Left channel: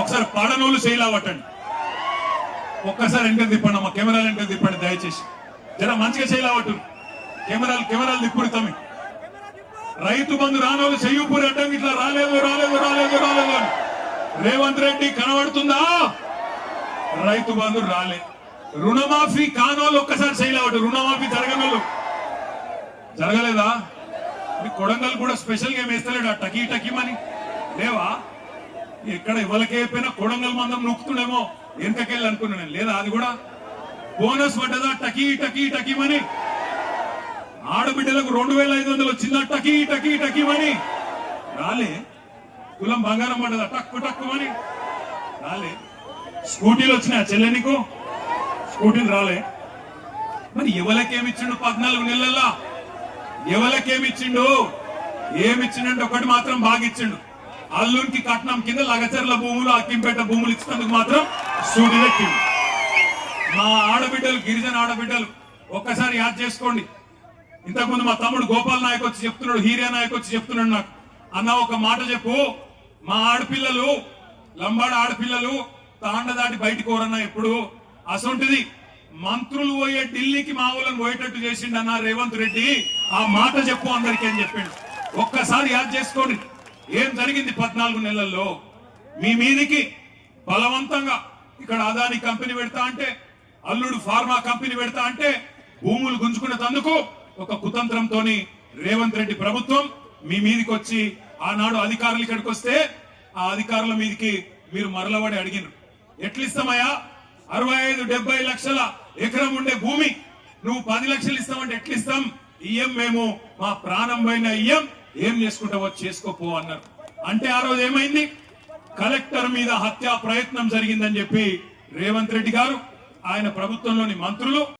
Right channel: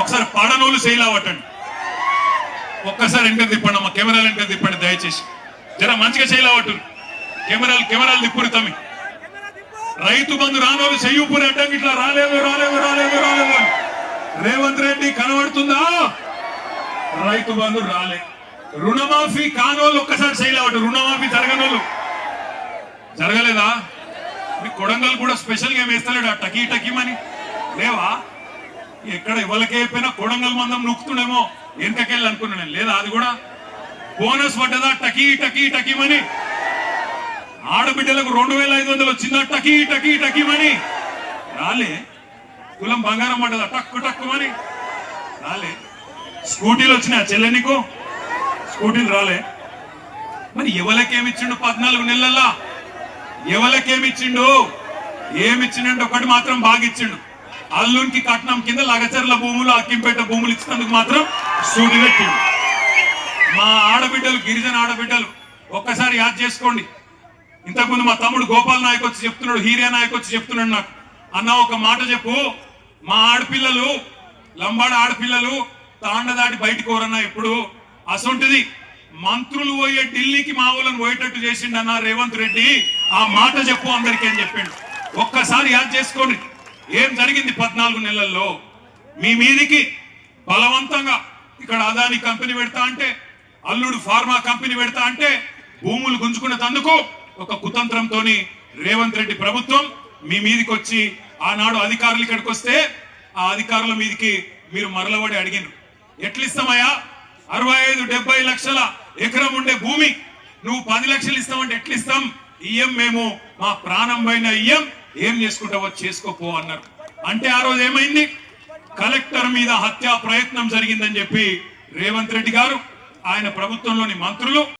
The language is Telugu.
ఒకసారి పడనోళ్ళు చేయలేవటండి. ఒక్కసారి ఎంటర్ తిప్పండి అమ్మ, కెమెరాలు ఎంటర్ తిప్పండి దయచేసి. జర మంచిగా చేయలేవట్టు. కెమెరాలు తిప్పురు తమ్మి. రైతు బంధు రానోళ్ళు చెయ్యూపురి అడ్డంకి ఇట్లా రాలేదు రాలేదు రాలేదు రాలేదు. రేవంత్ రెడ్డి కనబడుతుందా? రైతు బంధు రాలే. రుణమాఫీ కానోళ్ళు ఒక్కసారి చేయలేవట్టు. రుణమాఫీ జరగనోళ్ళు జరగలేదా? మీ కొడంగల్ కూడా స్పెషల్ గా వేస్తలేడు ఆ టకీ టకీమని లేవా? ఎక్కడ ఇవ్వలకే అయిపోయినా కొడంగల్ మందం నొక్కుతుండేమో వెనకకెళ్ళి అనుకున్నాను. లేదా అది కూడా బోనస్ పడ్డదా టకీ టకీ టకీమని? ఆడబిడ్డలకు 2500 వచ్చిందా టకీ టకీ టకీమని? రాలే. కులం బంగారం పడ్డదా టక్కు టక్కుమని? రాలే. స్కూటీలు వచ్చినా చెల్లె నీకు? స్కూటీలు రాలే. మరి ఎవరికేమిచ్చిండు 14 నెలల్లో? ఎవరికేమిచ్చిండు? ఏమిచ్చిండు? ఒకటి మాత్రం బాగా ఇచ్చిండు. అల్లునికి కట్నం కింద లగచర్ల భూములు అక్కింపేట భూములు ఇచ్చినందుకు మాత్రం సూటి పెట్టిండు. మా ఆడబిడ్డలు గిరిజన ఆడబిడ్డలు ఒక్కసారి యాద్ చేసుకోండి. ఇంతకుముందు మా తమ్ముడు గోపాల్ నాయక్ వచ్చి చెప్తున్నాడు, హీరియా నాయక్ వచ్చి చెప్తున్నాడు నాకు, అన్న ఒక మాట చెప్పు, మా ఆడపిల్లలు లంబాడ ఆడపిల్లలు తాండ దాటి బయటకు ఎవరన్నా ఇప్పుడు అసొంటిది మంత్రులు పోయే ఢిల్లీకి మా ఊళ్ళని పోయేటట్టు చేసిండన్న రేవంత్ రెడ్డి, ఆ మాట చెప్పు అందరికీ అని చెప్పిండు. ఒక్కసారి యాద్ చేసుకోండి ఏం జరిగింది 14 నెలల్లో. మీ మీదికి బలవంతంగా ఇక్కడ అదాని కంపెనీ పెడతా అంటే, అల్లుడు ఫార్మా కంపెనీ పెడతా అంటే భూములు గుంజుకునేందుకు ఒక కుతంత్రంతో రేవంత్ రెడ్డి ప్రభుత్వం మీ మీదికి వచ్చి ఆనాడు అధికారులు ఇక్కడికి వస్తే ఆ అధికారుల మీదికి మీరు మరలబడి అడిగినారు, ఎట్లిస్తామయ్యా 65-70 లక్షల ఎకరం ఉండే భూమి నువ్వు 10 లక్షలు ఇస్తామంటే ఎట్లిస్తాం? ఇయ్యం, మేము మా ప్రాణం పైన ఇయ్యం, ఏం చేసుకుంటావో చేసుకోపో అన్నారు. అంటే ఆ రోజు ఏమైంది? కలెక్టర్ మీద హత్యా ప్రయత్నం జరిగిందని చెప్పి రేవంత్ రెడ్డి గారు ఆయన ప్రభుత్వంలోని మంత్రులు